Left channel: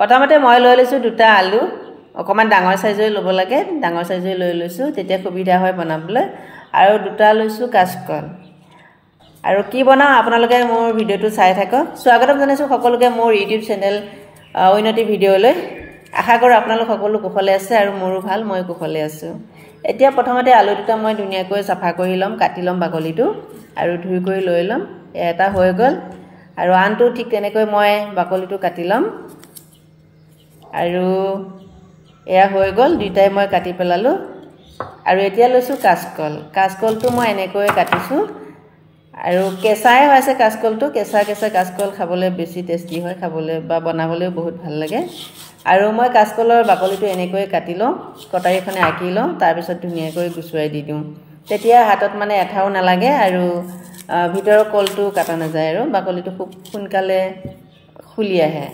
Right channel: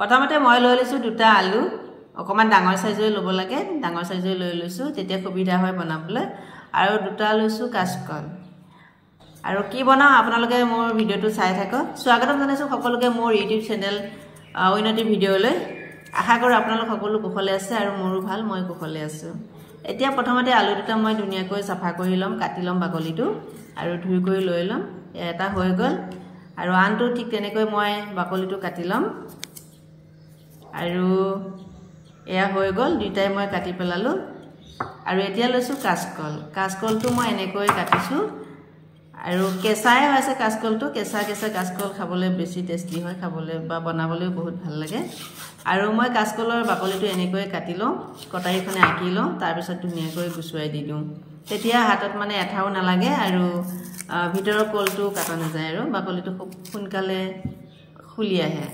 প্ৰথমতে মই লৈ লৈছো দুটা আলু অকমান ডাঙৰ সাইজৰ ল'ব লাগে ডাঙৰ সাইজৰ লৈ লৈছো তেতিয়া সুবিধা হয় বনাবলৈ আৰু দুটা লৈছো কাচকল আৰু কি বনাও আপোনালোকে মোৰ ভিডিওটো চাই থাকক স্বাগতম জনাইছো সকলোকে মোৰ ইউটিউব চেনেল উন্নতি ভিডিওলৈ আশা কৰো আপোনালোক সকলো কুশলে আছে আৰু মোৰো ভাল মই কুশলে আছো এতিয়া প্ৰথমতে আলু দুটা মই ধুনিয়াকৈ সাফা কৰি লম কাটি লম বাকলিটো আৰু ধুই কৰি লৈ লম এটা হৈ গল আৰু আনটো ঠিক তেনেকৈ মই বাকলিটো কাটি লম আৰু এয়া হৈ গল দুটাই মই কাটি পেলালো আৰু এতিয়া লৈছো কাচকলটো মই এনেকৈ কাটিছো আৰু কেঁচাই হৈছে কাচকলটো কেঁচা কাচকল খাবলৈ বেছি টেষ্টি হয় খাবলৈ বা বনাবলৈও বহুত ভাল লাগে আৰু মই কাচকলৰ বাকলিটো এনেকৈ কাটি লওঁ কটাৰীখনে আঁকি লওঁ তাৰ পিছত ধুনিয়াকৈ গুছুৱাই দি দিওঁ তেতিয়া হাতত মানে এঠাও নালাগে আৰু ভিতৰৰ কলটো কাটা নাযায় আৰু বাকলিটো খুব সোনকালে খুলি আহে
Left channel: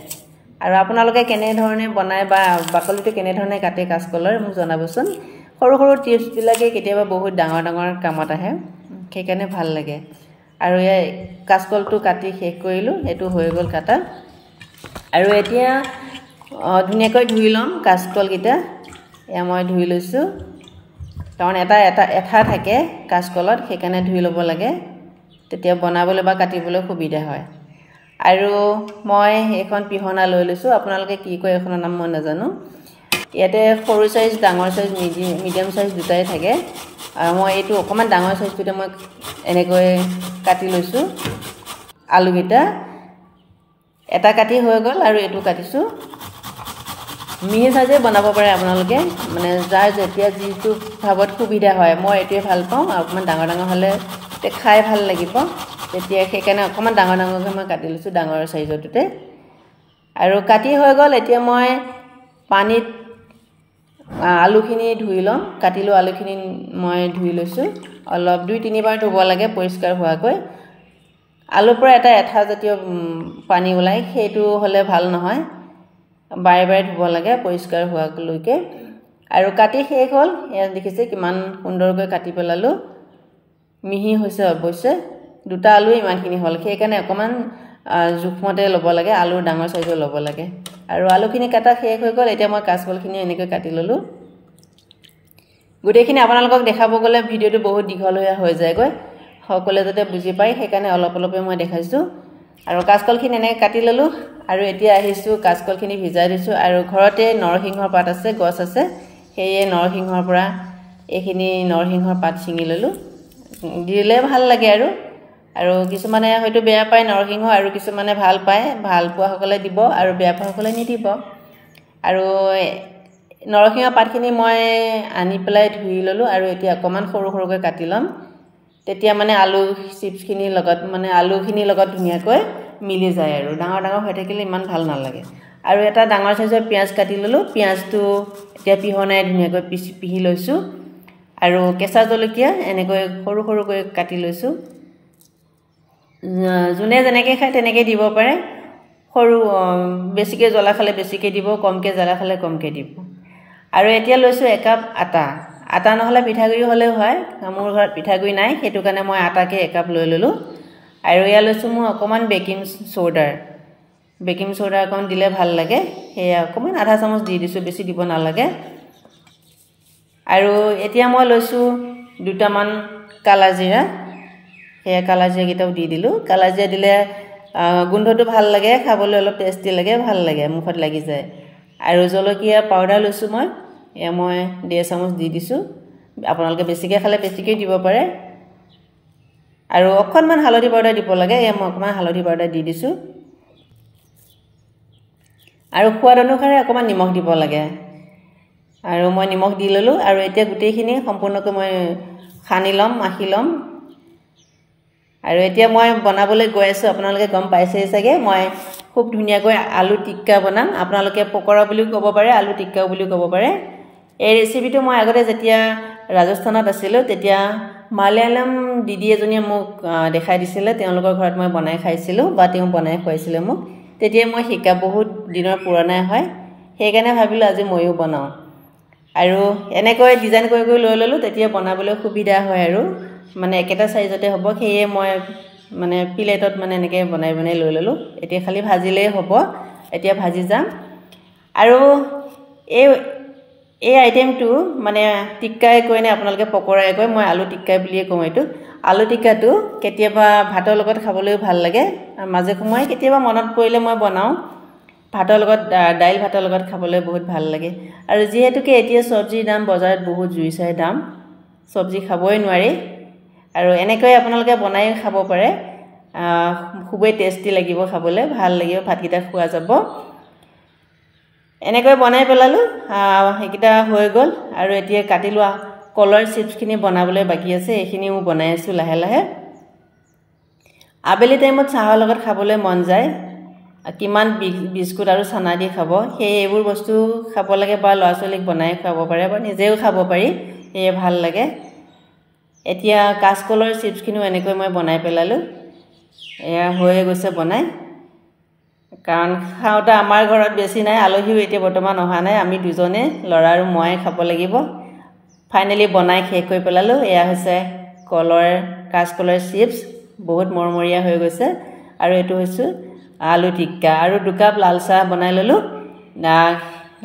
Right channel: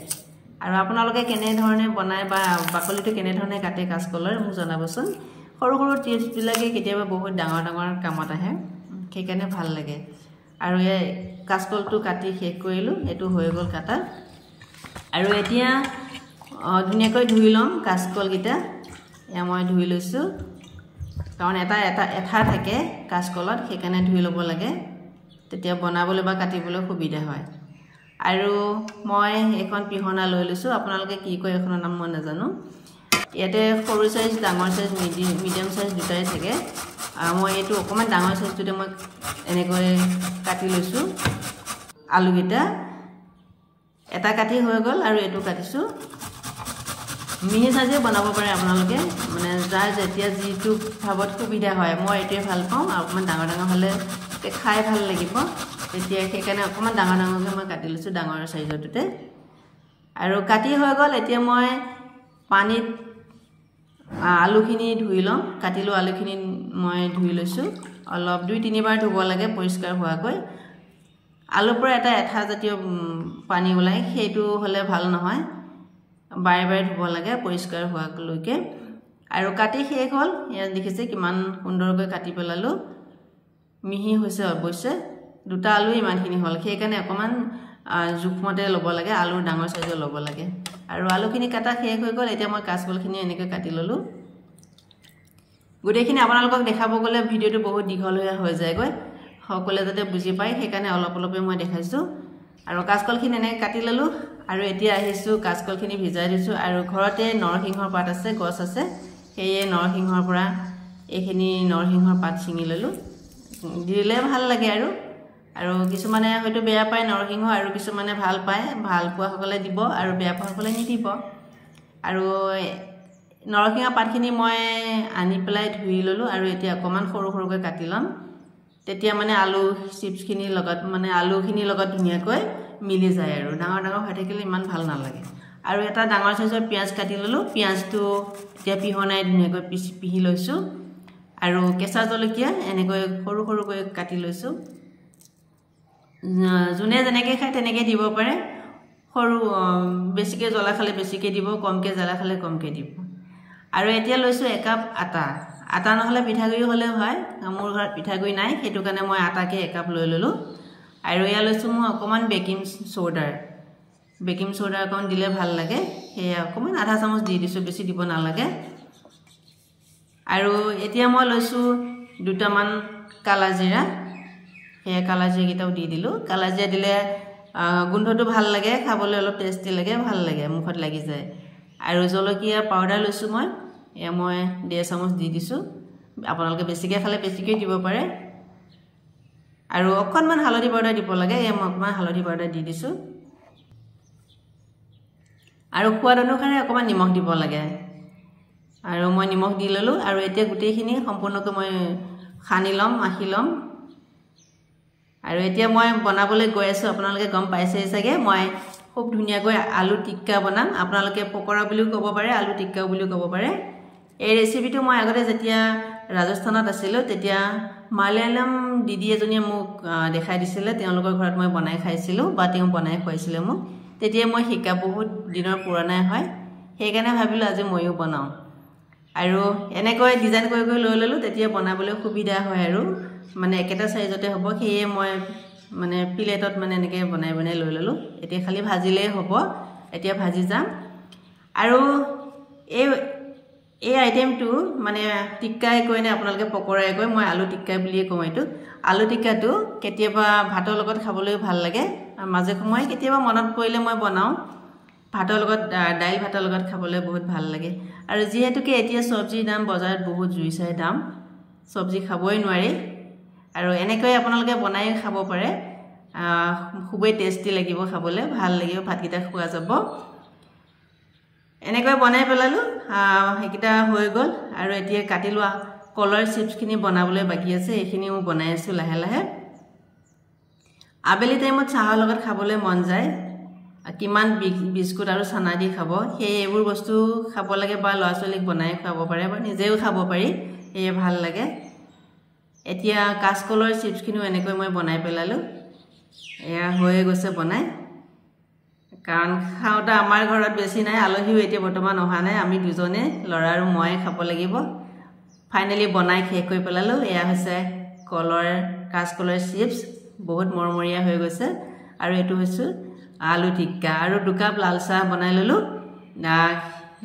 আৰু আপোনালোকে কেনে ধৰণে বনায় বা বাকলিটো কেনে ধৰণে কাটে কাচকলৰ মোক জনাবচোন সৰু সৰু টিপছ বিলাকে কেতিয়াবা বহুত ডাঙৰ কামত আহে সেইকাৰণে ভাল লাগে আৰু এই কাচকলটো কাটি শেষ কৰিলো এটো হৈ গল কাটা আৰু এতিয়া ধুনিয়াকৈ ধুই লম কাচকল গিটা এ মই ধুই লৈছো কাৰণ এটা থাকে কাচকলত সেইকাৰণে ধুই লব লাগে তেতিয়া বনাবলৈ বা কাটিবলৈ সুবিধা হয় আৰু মই এখন পিহনা লৈ লৈছো আপোনালোকে কি কয় এখনৰ নাম মই নাজানো ইয়াতে সৰু সাইজ ডাঙৰ সাইজ মিডিয়াম সাইজ দুটাই থাকে আৰু মই এটো অকমান ডাঙৰ সাইজটোতে মই এনেকৈ কাটি লৈছো আলু গিটা এটা কাটি হৈ গল আৰু এটো কাটিছো মিহি সাজে বনাব পাৰে আপোনালোকে মানে যাৰ যেতিয়া যিটো ভাবত সুবিধা হয় মই এটোই ভাল পাওঁ অকমান ডাঙৰ হলে তে খাই ভাল লাগিব তেতিয়া সেইকাৰণে অকমান ডাঙৰকৈ মই কাটি লৈছো ডাঙৰ সাইজটোতে আৰু কাটি হৈ গল এতিয়া মই পানীত আলুখিনি ধুই লম কাটিলো আলুখিনি মই ধুই লৈছো অলপ 2-3 বাৰ ধুব লাগে পৰিষ্কাৰ হোৱাকৈ আলুৰ পৰা এটা এঠা জাতীয় পানী ওলাই সেইটো হলে ভাল নহয় বাৰে ধুব লাগে পৰিষ্কাৰ হোৱালৈকে আৰু কাটি শেষ হল এয়া দেখিছে কিমান সুন্দৰকৈ কাটি পেলালো মিহি হৈছে অৱশ্যে দুটা আলু ইমানখিনি হল সেইকাৰণে অকমান জুখমতে লব লাগে আলু ডাঙৰ সাইজৰ লব লাগে আৰু আলুখিনি কাটা শেষ হৈ গল এতিয়া মই কাচকলখিনি এনেকৈ কাটি ললো গুটেখিনি আপোনালোকক দেখাব গলে ভিডিওটো বহুত দীঘল হৈ যায়গৈ সকলে যাতে বুজি পায় সেইকাৰণে অলপে মই দেখাইছো আৰু কাচকলখিনি এনে কাটি ললো আৰু এতিয়া আহিছো কাচকলখিনি ভিজাই দিছো আৰু ঘৰতে নৰসিংহৰ পাত আছে গছ আছে হেয়ে নৰসিংহৰ পৰা এইখিনি নৰসিংহৰ পাত ছিঙি ললো দিলে ভাল লাগে আৰু কিছুমানে হয়তো বেয়া পায় নৰসিংহ আৰু কিছুমানে ভাল পায় ভাল পোৱা সকলে দিব আৰু বেয়া পোৱা সকলে নিদিব আৰু নৰসিংহ পাতখিনি মই আনি পেলাই ধুই ললো আৰু এতিয়া অকমান সৰুকৈ কাটি লম তেতিয়া মানে আলু চিপছখিনি লগত মানে আলুখিনিৰ লগত ধুনিয়াকৈ মিলি যায় আৰু ডাঙৰ হৈ থাকিলে ইমান ভাল নালাগে আৰু এটা ডাঙৰ সাইজৰ পিয়াজ কাটি ললো পিয়াজটো এতিয়া পিহনাই ধুনিয়াকৈ পিহি লৈছো আৰু কেঁচা জলকীয়া এনেকৈ সৰুকৈ কাটি লৈছো জুনে যেনেকৈ খায় তেনেকৈ দিব পাৰে সৰু বেছিকৈ জ্বলা খালে বেছিকৈ দিব কমকৈ জ্বলা খালে কমকৈ দিব আৰু এতিয়া লৈছো 1 কাপ আটা নহলে পিঠাগুৰি হলেও হয় মোৰ ঘৰত পিঠাগুৰি নাই হেতু কাৰণে মই আটাকে 1 কাপ লৈ ললো আৰু ইয়া লৈছো মই অকমান বেকিং সোডা অকমান দিলে ভাল লাগে হেয়া অকমান আধা চামুচ দি দিছো বেছি দিব নালাগে আৰু এতিয়া মই লৈছো দুটামান কালাজিৰা হেয়া কালাজিৰা গিটাও দি দিলো কালাজিৰা দিলে গোন্ধটো ভাল লাগে খাবলৈ অলপ টেষ্টি লাগে ভাল লাগে মুখত লাগি যায় আৰু জলকীয়া পাউডাৰ লৈছো মই 1.5 চামুচ দি দিছো আপোনালোকে বেছিকৈ খালে বেছিকৈ দিব পাৰে আৰু অকণমান হালধি পাউডাৰ দিব লাগে মই অকণমান হালধি পাউডাৰ দি দিছো আৰু সোৱাদ অনুসাৰে অকণমান নিমখ দিব লাগে আৰু মই নিমখ দি ললো আৰু এতিয়া গুটেইখিনি সম্পূৰ্ণকৈ মই খানি লম মাখি লম আৰু এতিয়া মই বনাবলৈ গৈ আছো আপোনালোকে গম পাইছে চাগে মই খুব ধুনিয়াকৈ আলু টিক্কা বনাম আপোনালোকে পকৰা বুলিও ক'ব পাৰে আলু টিক্কা বুলিও ক'ব পাৰে এই ৰেচিপিটো মই আগতে যেতিয়া ৰাজস্থানত আছিলো তেতিয়া মালায়ালাম দিদি এজনীয়ে মোক দেখাই দিছিলে তেওঁলোকৰ ঘৰত মই বনাই খাইছিলো বা তেওঁ বনাই খুৱাইছিলে মোক তেতিয়া মই শিকা বহুত দিনৰ পুৰণা হয় সেইকাৰণে ভাবিলো আজি মইও বনাও আৰু এনেকৈ ডিজাইন কৰি লৈ ললো তেতিয়া বনাবলৈ সুবিধা হয় আৰু মানে একেটা সাইজতে হ'ব হেয়ে মই মানে প্লেটত মানে এনেকৈ বনাই লৈ ললো এতিয়া খালি ভাজিলেই হ'ব এতিয়া ভাজি যাম আৰু এই আইটেমটো মানে টিক্কাই কয়নে আপোনালোকে পকৰাই কয় মই আলু টিক্কাই বুলিয়ে কওঁ এইটো আলু টিক্কাটো কেতিয়াবা ভাতৰ লগত খাবলৈও ভাল লাগে আৰু মাজে সময়ে কেতিয়াবা মনত পৰিলে মই বনাওঁ ভাতৰ লগত দাইল ভাতৰ লগত খাবলৈ বহুত ভাল লাগে আৰু যেহেতুকে এতিয়া সবজিৰ দাম বজাৰত বহুত জুই চাই দাম সবজি খাবই নোৱাৰি আৰু এনেকৈ আপোনালোকে বনাই খাব পাৰে খুবেই টেষ্টি লাগিব খাবলৈ ভাল লাগিব ভাতকেইটা খোৱা যাব এনেকৈ বনাই পেলালো এইকেইটা হৈ গ'ল আৰু এতিয়া কাটি লোৱা কলৰ চিপছখিনি বনাবলৈ বাকি আছে এইখিনি মই বনাই আছোঁ লাহে লাহে আবেলি টাইমত চাহৰ লগত খাবলৈ মন যায় কিমান বিস্কুট আৰু চানা দি খাব সেই এইবোৰ বস্তু খাব লাগে বা ল'ৰা ছোৱালীক বনাই খাব পাৰে বা নিজেও খাব পাৰি এই ভাল লাগে এতিয়া কাঁচকলৰ চিপছখিনিও এনেকৈ মই বনাই পেলালো এয়া হৈ গৈছে বনাই কাৰণ খাওঁতে আমাৰ ঘৰত বেছি নাই আলহীও এতিয়া বৰ্তমান অহা নাই আমি দুজনে ল'ৰা আৰু মই খাব লাগিব ফাইনেলি বনাই শেষ কৰি পেলালো এয়া হৈছে কাঁচকলৰ চিপছ বহুত মৰমৰীয়া হৈ গৈছে আৰু এইটো হৈছে আলু টিক্কা আৰু 2 কাপ লাল চাহ বনাই ললো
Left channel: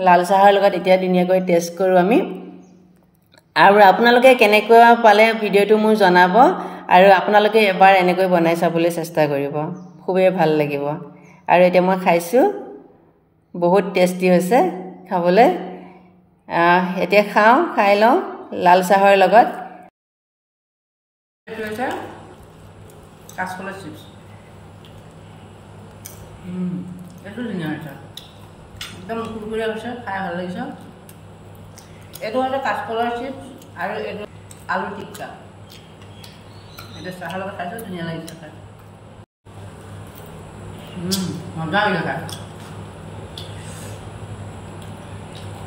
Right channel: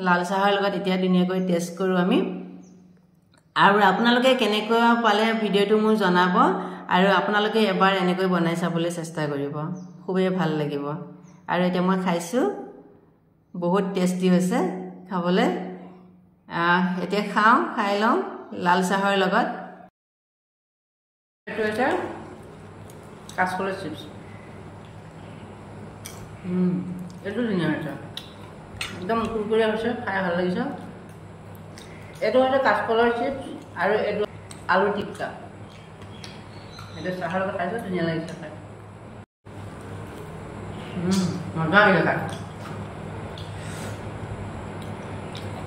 লাল চাহৰ লগত এতিয়া ধুনীয়াকৈ টেষ্ট কৰোঁ আমি আৰু আপোনালোকে কেনেকৈ পালে ভিডিঅ'টো মোক জনাব আৰু আপোনালোকে এবাৰ এনেকৈ বনাই চাবলৈ চেষ্টা কৰিব খুবেই ভাল লাগিব আৰু এতিয়া মই খাইছোঁ বহুত টেষ্টি হৈছে খাবলৈ এতিয়া খাই লওঁ লাল চাহৰ লগত এইটো হৈছে কাঁচকলৰ চিপছ এইটো ধুনীয়া হৈছে একদম কুৰকুৰীয়া হৈছে খাই ভাল লাগিছে এইটো হৈছে কাঁচকলৰ চিপছ আৰু এইটো আলু টিক্কা এইটো চাহৰ লগত খাইছোঁ ধুনীয়া লাগিছে খাই মজা লাগিছে খাই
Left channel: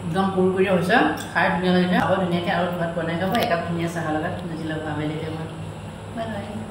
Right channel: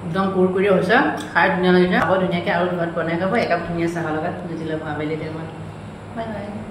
একদম কুৰকুৰীয়া হৈছে খাই ধুনীয়া লাগিছে আকৌ ধুনীয়াকৈ আৰু ঘৰত বনাই খাব একাপ ধুনীয়া চাহৰ লগত বুজি ল'ব আবেলি টাইমত বাই বাই